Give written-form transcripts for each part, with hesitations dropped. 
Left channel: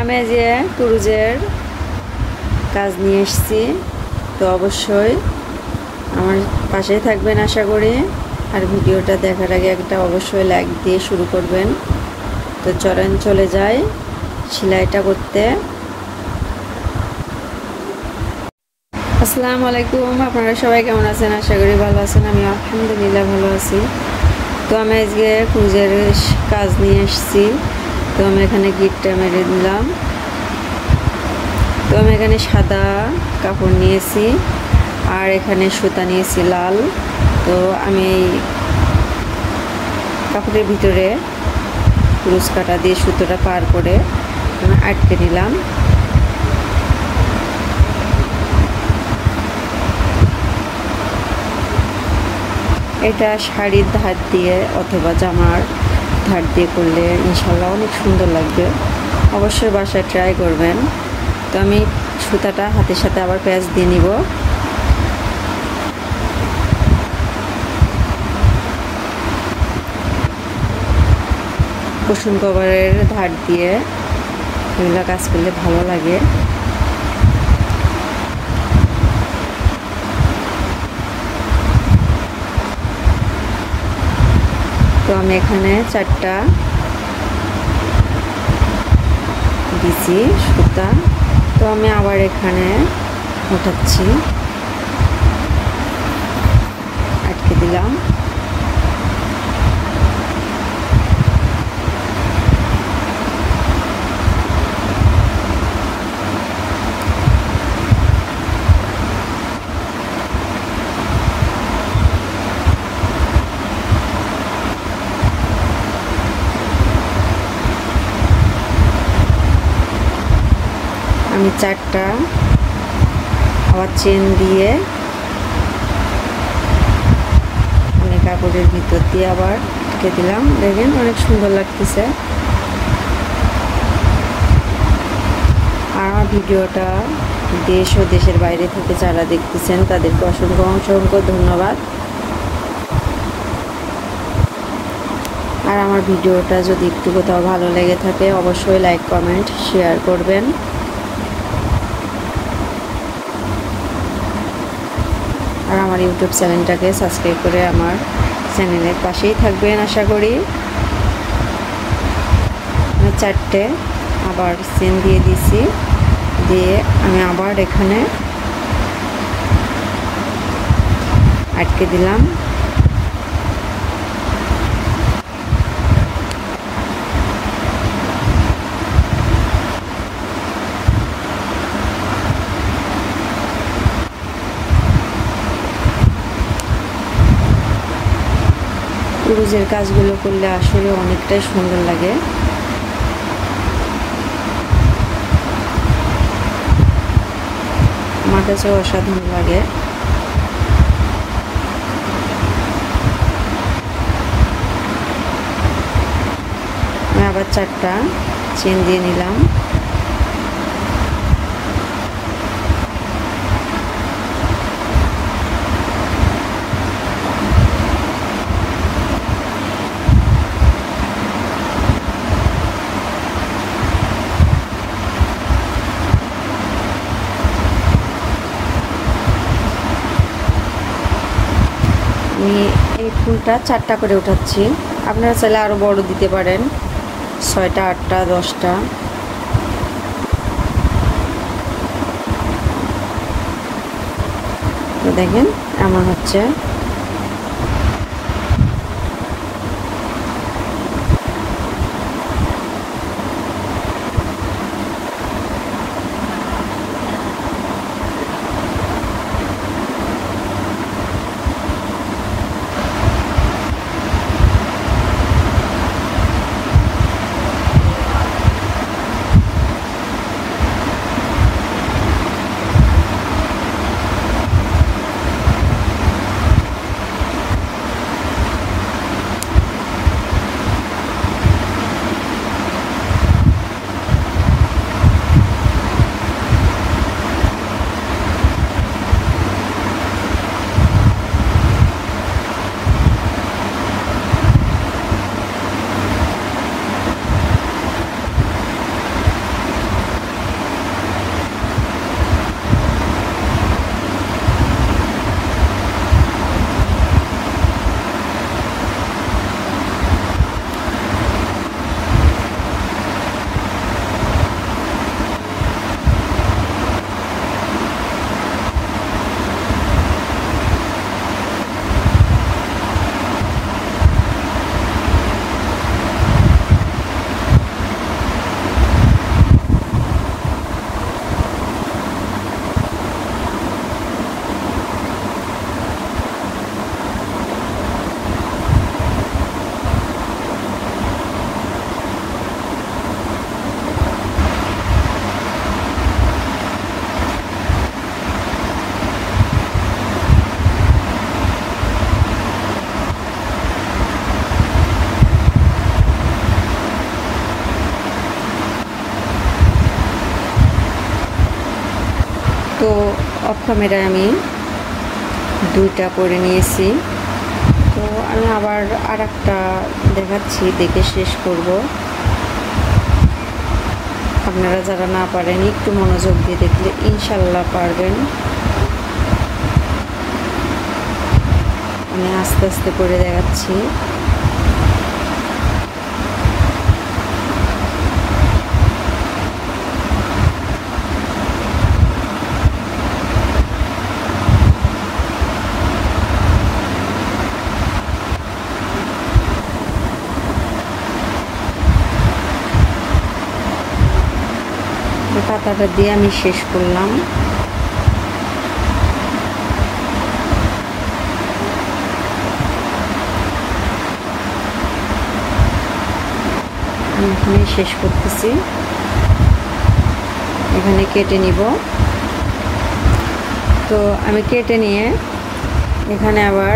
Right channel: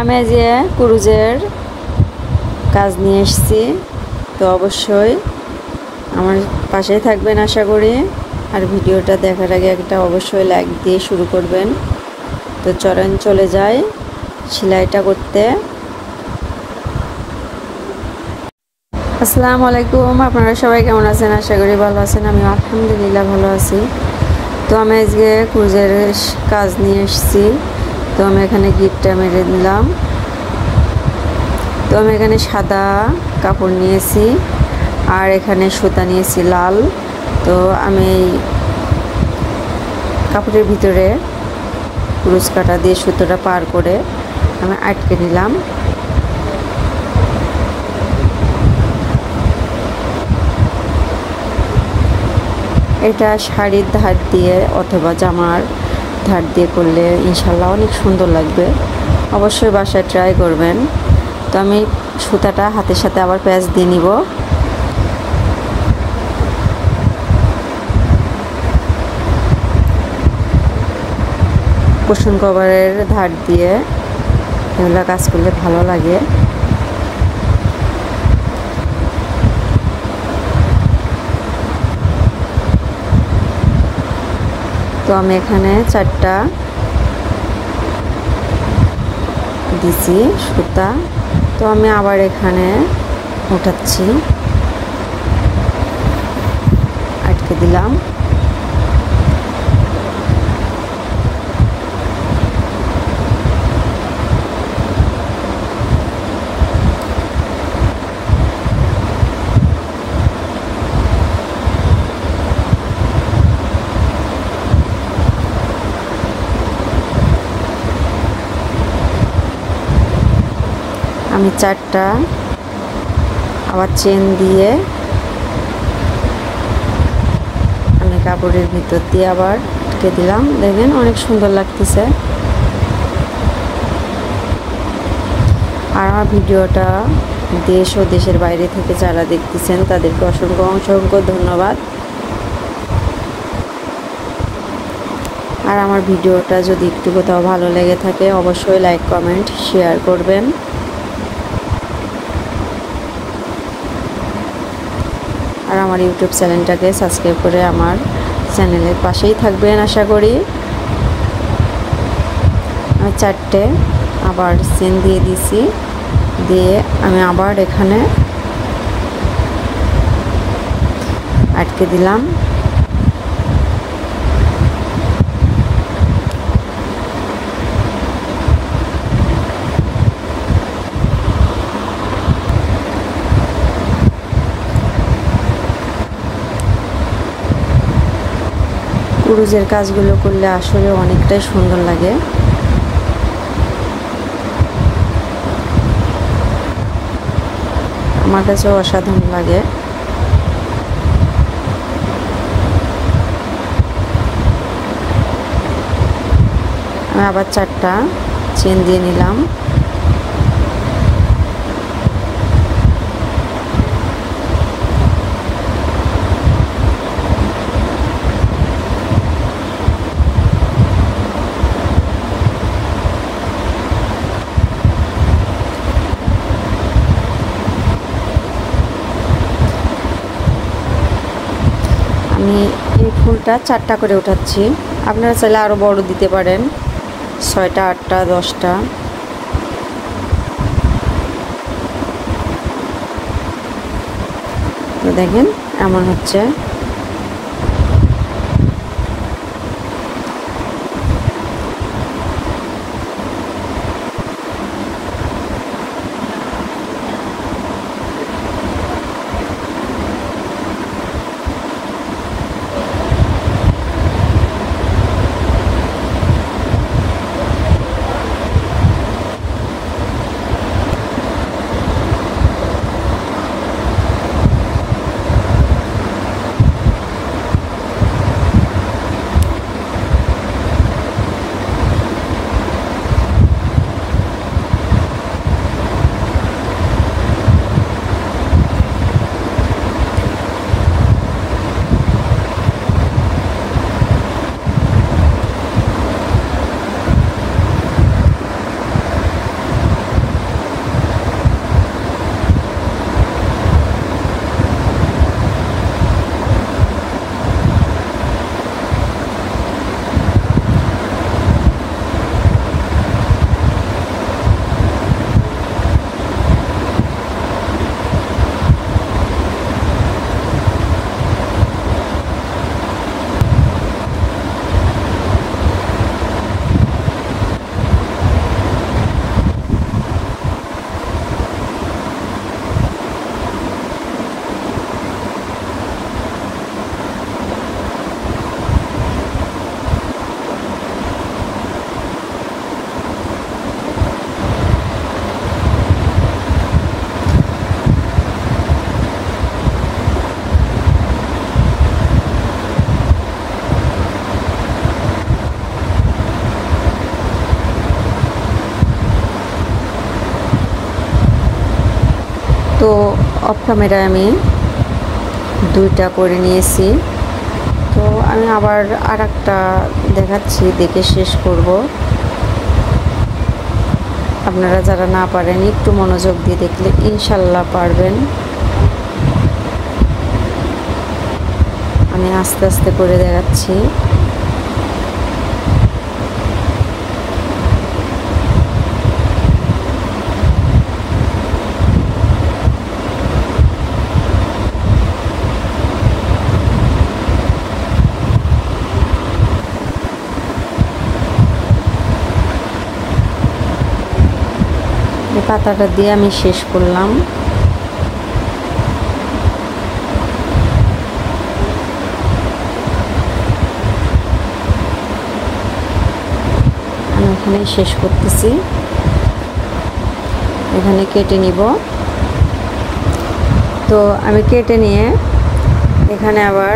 আমি যে ক্রুজের কাজ নিয়ে এসেছি, তো অবশ্যই আমার পাশেই থাকবেন আশা করি। আর ভিডিওটা দেখার আগে একটা অবশ্যই লাইক দিয়ে শুরু করবেন। তো চলে যাই সেলাইটা করতে। আসসালামু আলাইকুম, আপনারা সবাই কেমন আছেন? আশা করি ভালো আছেন। আমি আলহামদুলিল্লাহ ভালো আছি। তো আমি আজকে ক্রুজের কাজ নিয়ে এসেছি। তো আমি এখানে গিটটা মেরে দিলাম। তো আমি এখানে সাদা কাপড় নিয়েছি আর এখানে সুতা নিয়েছি লাল। তো আমি কাপড়ের ভিতরে ক্রুজ কাটা দিয়ে সুতোটা পার করে আমি আটকে নিলাম। এটা শাড়ির ধার দিয়ে অথবা জামার ধার দিয়ে করলে ইনশাল্লাহ অনেক সুন্দর লাগবে। অবশ্যই বাসায় ট্রাই করবেন। তো আমি সুতাটা হাতের সাথে আবার প্যাচ দিয়ে নিব। কুশন কভারের ধার দিয়ে এগুলো কাজ করলে ভালো লাগে। তো আমি এখানে 4টা দিছি সুতা। তো আমি আবার এখানে উঠাচ্ছি, আটকে দিলাম। আমি 4টা আবার চেন দিয়ে আমি কাপড়ের ভিতর দিয়ে আবার আটকে দিলাম। দেখেন অনেক সুন্দর লাগতেছে। আর আমার ভিডিওটা দেশ ও দেশের বাইরে থেকে যারা দেখতেছেন তাদেরকে অসংখ্য ধন্যবাদ। আর আমার ভিডিওটা যদি একটু কোথাও ভালো লেগে থাকে অবশ্যই লাইক কমেন্ট শেয়ার করবেন। আর আমার ইউটিউব চ্যানেলটাকে সাবস্ক্রাইব করে আমার চ্যানেলের পাশেই থাকবেন আশা করি। 4টে আবার চেন দিয়ে দিছি, দিয়ে আমি আবার এখানে আটকে দিলাম। ক্রুজের কাজগুলো করলে আসলে অনেকটাই সুন্দর লাগে। আমার কাছেও অসাধারণ লাগে। আমি আবার 4টা চেন দিয়ে নিলাম। আমি এই ফুলটা 4টা করে উঠাচ্ছি। আপনারা চাইলে আরও বড় দিতে পারেন, 6টা 8টা 10টা। তো দেখেন এমন হচ্ছে। তো অফ ক্যামেরায় আমি দুইটা করে নিয়েছি। তো আমি আবার আর একটা দেখাচ্ছি, দেখে শেষ করব। আপনারা যারা না পারেন একটু মনোযোগ দিয়ে দেখলে ইনশাল্লাহ পারবেন। আমি আস্তে আস্তে করে দেখাচ্ছি। পাতাটা দিয়ে আমি শেষ করলাম। আমি এখানে শেষ করতেছি, এখানে কেটে নিব। তো আমি কেটে নিয়ে এখানে আবার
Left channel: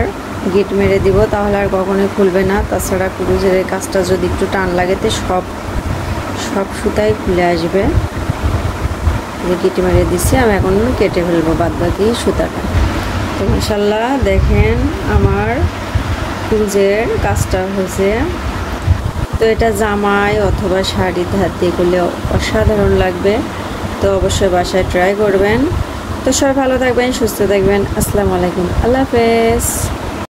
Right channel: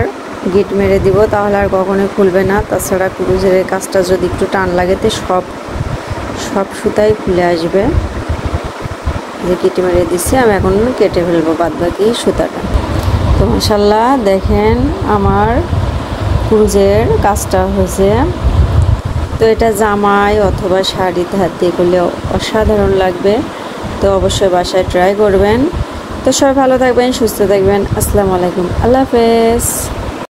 গিট মেরে দিব, তাহলে আর কখনোই খুলবে না। তাছাড়া ক্রুজের কাজটা যদি একটু টান লাগে তো সব সুতাই খুলে আসবে। যে কেটে মেরে দিচ্ছি, আমি এখন কেটে ফেলবো বাদ বাকি সুতাটা। তো মাশাআল্লাহ দেখেন আমার ক্রুজের কাজটা হয়েছে। তো এটা জামায় অথবা শাড়িতে হাত দিয়ে করলে অসাধারণ লাগবে। তো অবশ্যই বাসায় ট্রাই করবেন। তো সবাই ভালো থাকবেন, সুস্থ থাকবেন। আসসালামু আলাইকুম, আল্লাহ হাফেজ।